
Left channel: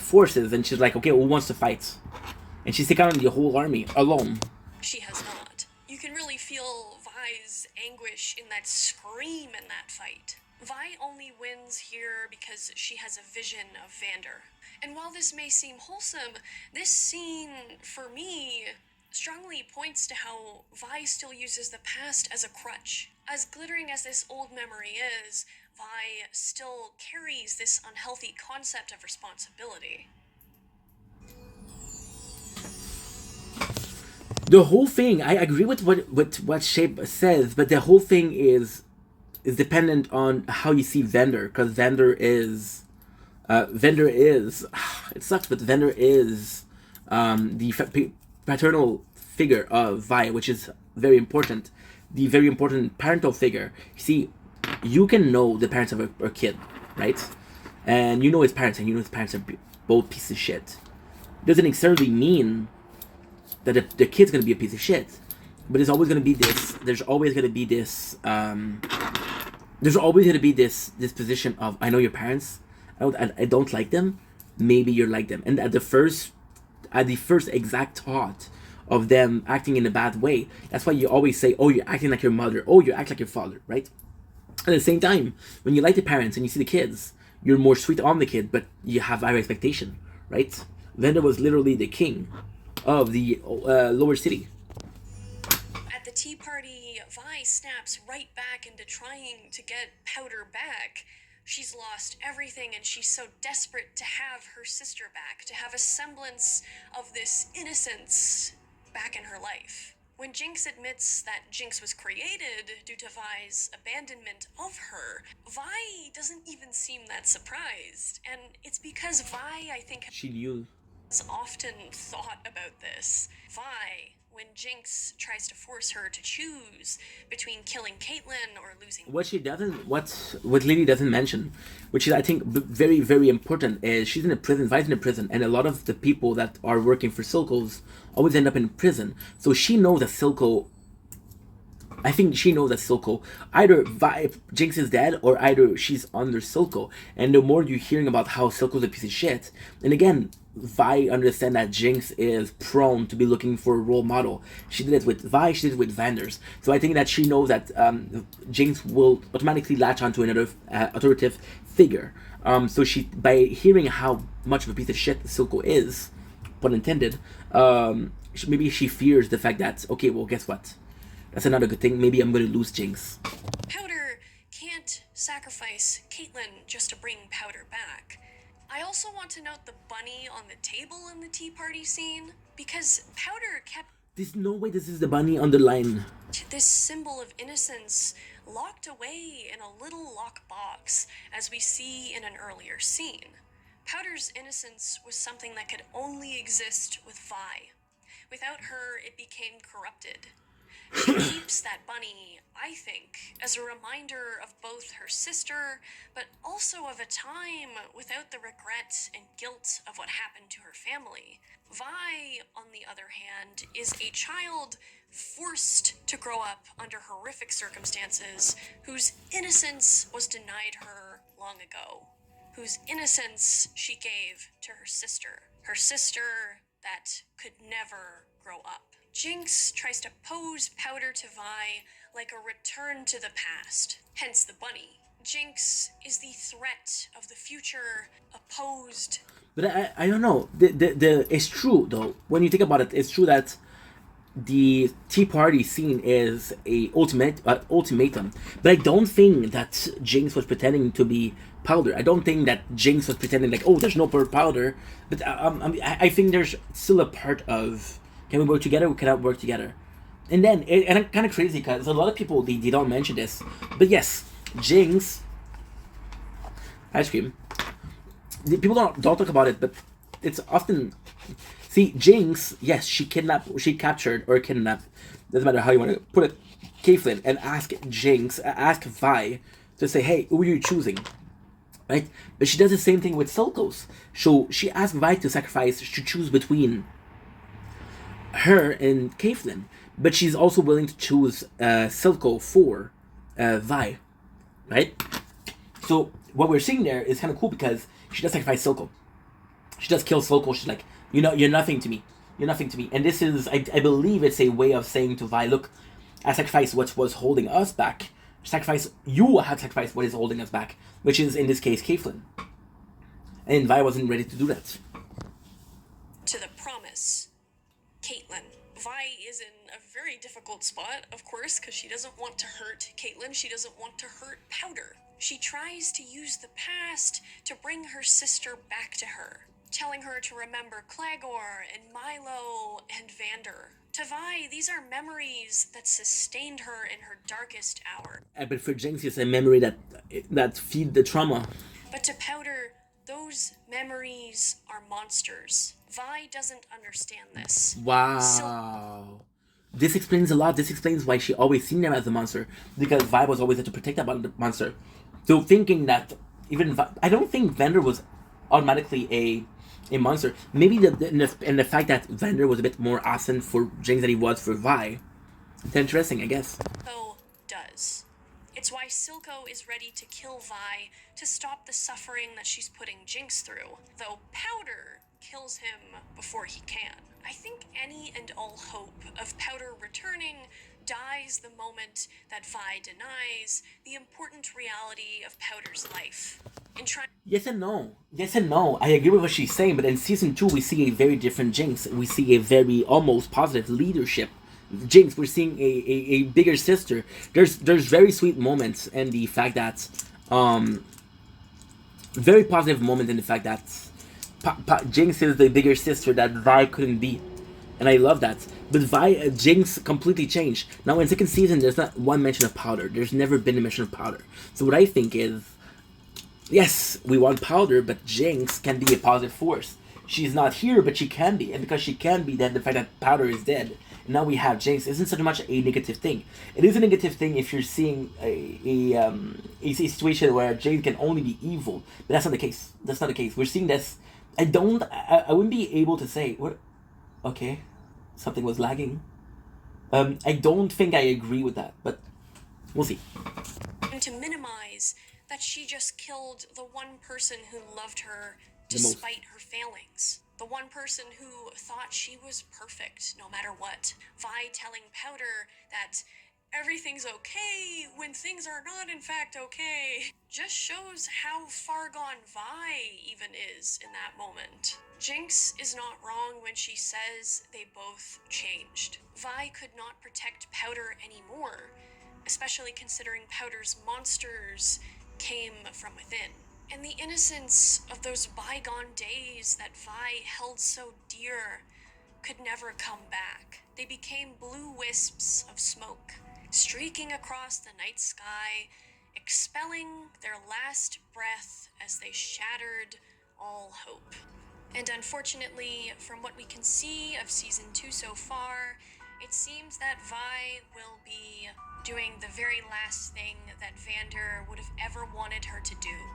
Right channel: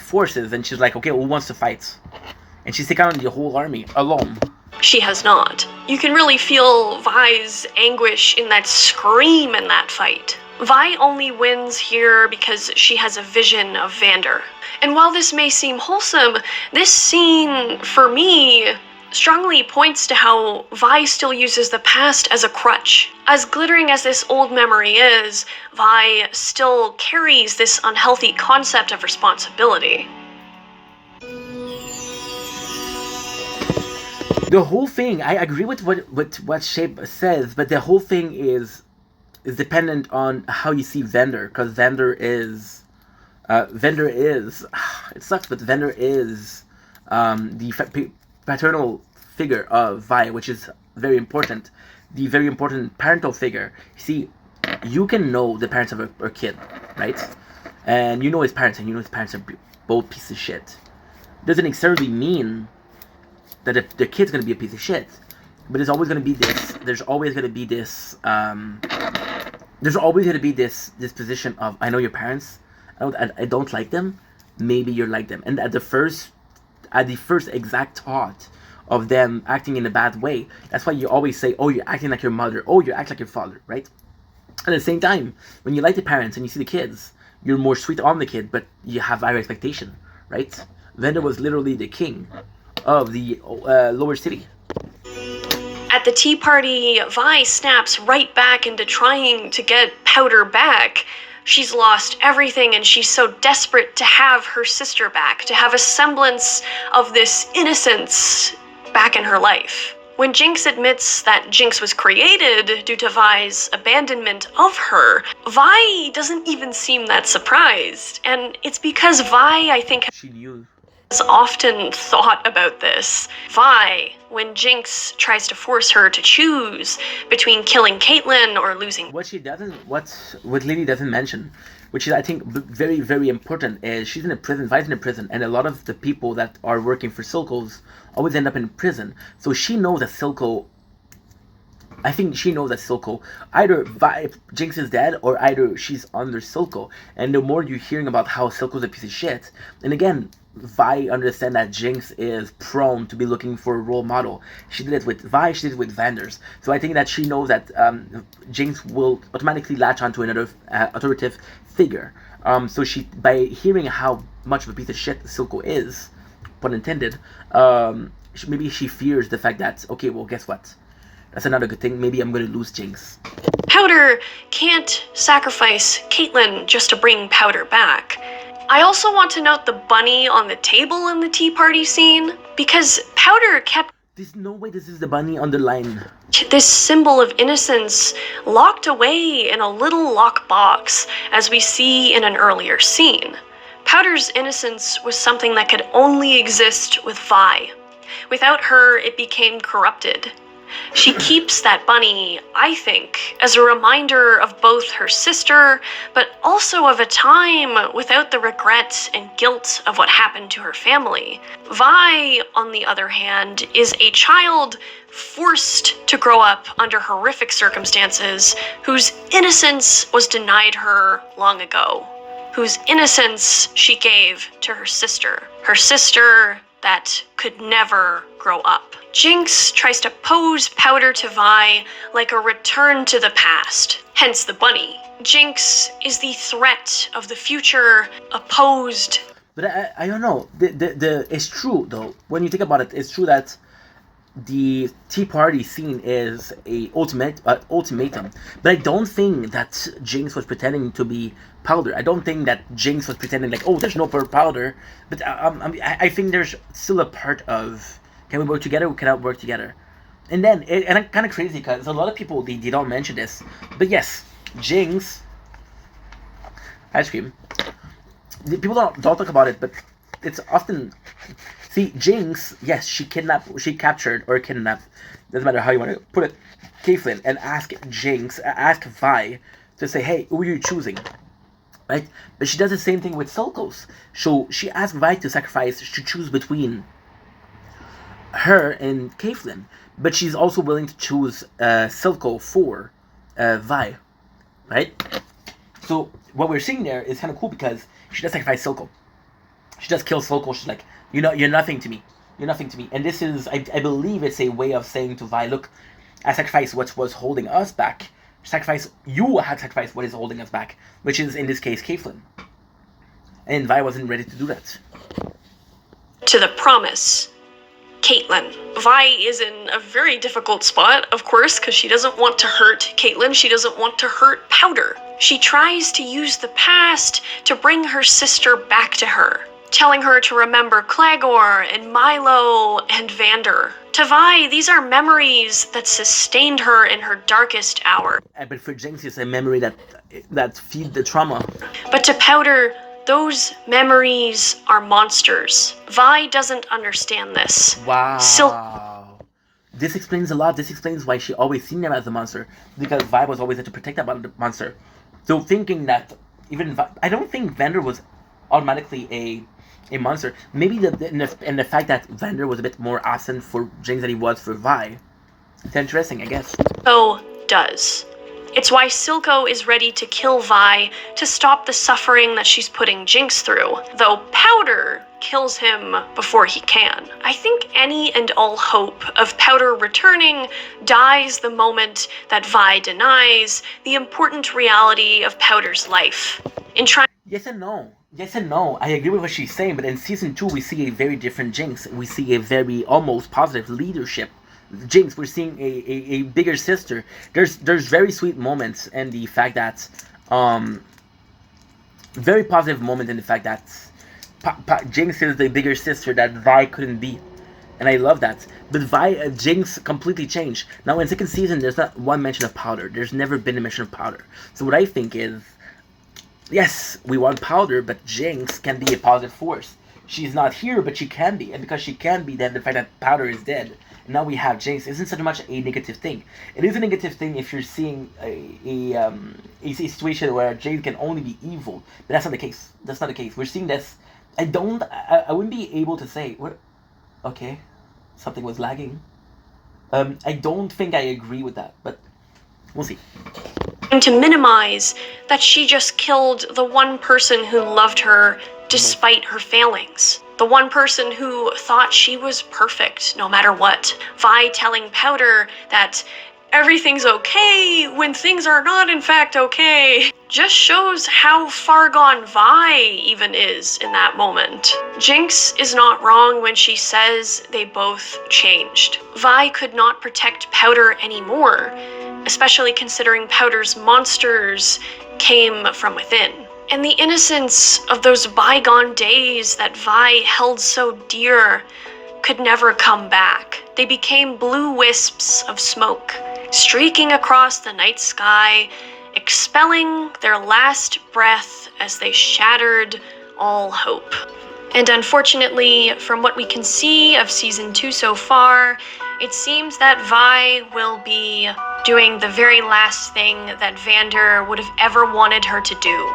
forces, and she's like, okay, who wants to fight? And she's taking on the whole army alone. She has not. You can really feel Vi's anguish in that scream in that fight. Vi only wins here because she has a vision of Vander. And while this may seem wholesome, this scene, for me, strongly points to how Vi still uses the past as a crutch. As glittering as this old memory is, Vi still carries this unhealthy concept of responsibility. The whole thing, I agree with what Shape says, but the whole thing is dependent on how you see Vander, because Vander is, it sucks, but Vander is the paternal figure of Vi, which is very important. The very important parental figure. You see, you can know the parents of a kid, right? And you know his parents, and you know his parents are both pieces of shit. Doesn't necessarily mean that the kid's gonna be a piece of shit, but there's always gonna be this. There's always gonna be this. There's always gonna be this position of, I know your parents. I don't like them. Maybe you're like them, and at the first exact thought of them acting in a bad way, that's why you always say, oh, you're acting like your mother, oh, you act like your father, right? At the same time, when you like the parents and you see the kids, you're more sweet on the kid, but you have higher expectation, right? Vander was literally the king of the lower city. At the tea party, Vi snaps right back into trying to get Powder back. She's lost everything, and she's so desperate to have her sister back, to have a semblance of this innocence back in her life. When Jinx admits that Jinx was created due to Vi's abandonment of her, Vi doesn't even seem that surprised. And it's because Vi, I think, she knew. Has often thought about this. Vi, when Jinx tries to force her to choose between killing Caitlyn or losing... What Lily doesn't mention, which is, I think, very, very important, is she's in a prison, Vi's in a prison, and a lot of the people that are working for Silco's always end up in prison. So she knows that Silco... I think she knows that Silco, either Jinx is dead, or either she's under Silco. And the more you're hearing about how Silco's a piece of shit, and again, Vi understand that Jinx is prone to be looking for a role model. She did it with Vi, she did it with Vanders. So I think that she knows that Jinx will automatically latch onto another authoritative figure. So she, by hearing how much of a piece of shit Silco is, pun intended, maybe she fears the fact that, okay, well, guess what? That's another good thing. Maybe I'm going to lose Jinx. Powder can't sacrifice Caitlyn just to bring Powder back. I also want to note the bunny on the table in the tea party scene, because Powder kept... There's no way this is the bunny on the line. This symbol of innocence locked away in a little lockbox, as we see in an earlier scene. Powder's innocence was something that could only exist with Vi. Without her, it became corrupted. She keeps that bunny, I think, as a reminder of both her sister, but also of a time without the regret and guilt of what happened to her family. Vi, on the other hand, is a child forced to grow up under horrific circumstances, whose innocence was denied her long ago, whose innocence she gave to her sister that could never grow up. Jinx tries to pose Powder to Vi like a return to the past, hence the bunny. Jinx is the threat of the future, opposed. But I don't know. It's true, though. When you think about it, it's true that the tea party scene is a ultimatum. But I don't think that Jinx was pretending to be Powder. I don't think that Jinx was pretending like, oh, there's no Powder. But I think there's still a part of, can we work together? We cannot work together. And then, and I'm kind of crazy because a lot of people, they don't mention this. But yes, Jinx, ice cream. people don't talk about it, but it's often. See, Jinx, yes, she captured or kidnapped, doesn't matter how you want to put it, Caitlyn, and ask Vi to say, hey, who are you choosing? Right? But she does the same thing with Silco's. So she asked Vi to choose between her and Caitlyn. But she's also willing to choose Silco for Vi. Right? So what we're seeing there is kind of cool because she does sacrifice Silco. She does kill Silco. She's like, you're nothing to me. You're nothing to me. And this is, I believe it's a way of saying to Vi, look, I sacrificed what was holding us back. You have sacrificed what is holding us back, which is, in this case, Caitlyn. And Vi wasn't ready to do that. To the promise, Caitlyn. Vi is in a very difficult spot, of course, because she doesn't want to hurt Caitlyn. She doesn't want to hurt Powder. She tries to use the past to bring her sister back to her, telling her to remember Claggor and Milo and Vander. To Vi, these are memories that sustained her in her darkest hour. But for Jinx, it's a memory that feed the trauma. But to Powder, those memories are monsters. Vi doesn't understand this. Wow. This explains a lot. This explains why she always seen them as a monster. Because Vi was always there to protect that monster. So thinking that I don't think Vander was automatically a monster. Maybe in the fact that Vander was a bit more absent for Jinx than he was for Vi. It's interesting, I guess. So does. It's why Silco is ready to kill Vi to stop the suffering that she's putting Jinx through, though Powder kills him before he can. I think any and all hope of Powder returning dies the moment that Vi denies the important reality of Powder's life. In trying Yes and no. I agree with what she's saying, but in season 2 we see a very different Jinx. We see a very almost positive leadership Jinx. We're seeing a bigger sister. There's very sweet moments, and the fact that very positive moment in the fact that Jinx is the bigger sister that Vi couldn't be, and I love that. But Jinx completely changed. Now in second season, there's not one mention of Powder. There's never been a mention of Powder. So what I think is, yes, we want Powder, but Jinx can be a positive force. She's not here, but she can be, and because she can be, then the fact that Powder is dead, and now we have Jinx, isn't so much a negative thing. It is a negative thing if you're seeing a situation where Jinx can only be evil, but that's not the case. That's not the case. We're seeing this. I wouldn't be able to say what. Okay, something was lagging. I don't think I agree with that, but we'll see. To minimize that she just killed the one person who loved her despite her failings. The one person who thought she was perfect no matter what. Vi telling Powder that everything's okay when things are not in fact okay just shows how far gone Vi even is in that moment. Jinx is not wrong when she says they both changed. Vi could not protect Powder anymore, especially considering Powder's monsters came from within. And the innocence of those bygone days that Vi held so dear could never come back. They became blue wisps of smoke, streaking across the night sky, expelling their last breath as they shattered all hope. And unfortunately, from what we can see of season 2 so far, it seems that Vi will be doing the very last thing that Vander would have ever wanted her to do.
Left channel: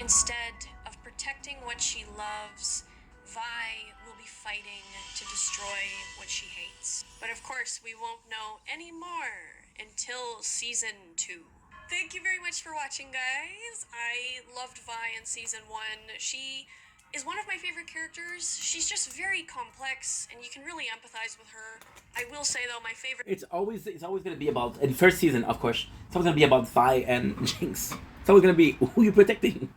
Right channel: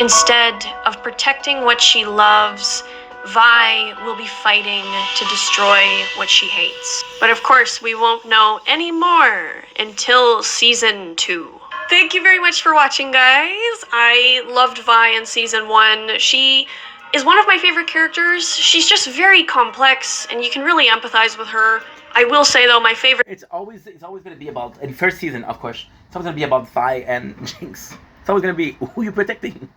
Instead of protecting what she loves, Vi will be fighting to destroy what she hates. But of course, we won't know any more until season 2. Thank you very much for watching, guys. I loved Vi in season 1. She is one of my favorite characters. She's just very complex, and you can really empathize with her. I will say, though, my favorite... It's always going to be about... In the first season, of course, it's always going to be about Vi and Jinx. It's always going to be who you're protecting.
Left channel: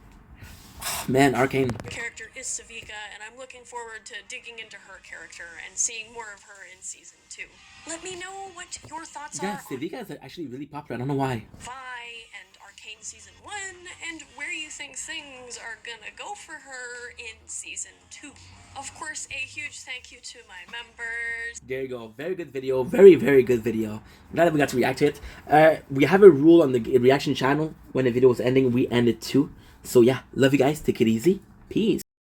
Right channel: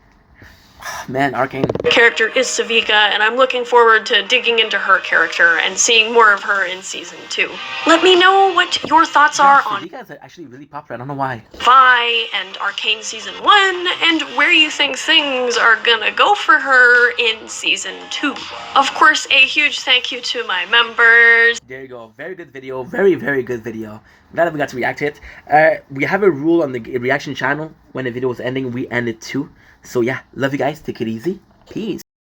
Man, Arcane. Character is Sevika, and I'm looking forward to digging into her character and seeing more of her in season 2. Let me know what your thoughts are on Sevika is actually really popular. I don't know why. Vi and Arcane season 1, and where you think things are gonna go for her in season 2. Of course, a huge thank you to my members. There you go. Very good video. Very, very good video. I'm glad that we got to react to it. We have a rule on the reaction channel. When the video is ending, we end it too. So yeah, love you guys. Take it easy. Peace.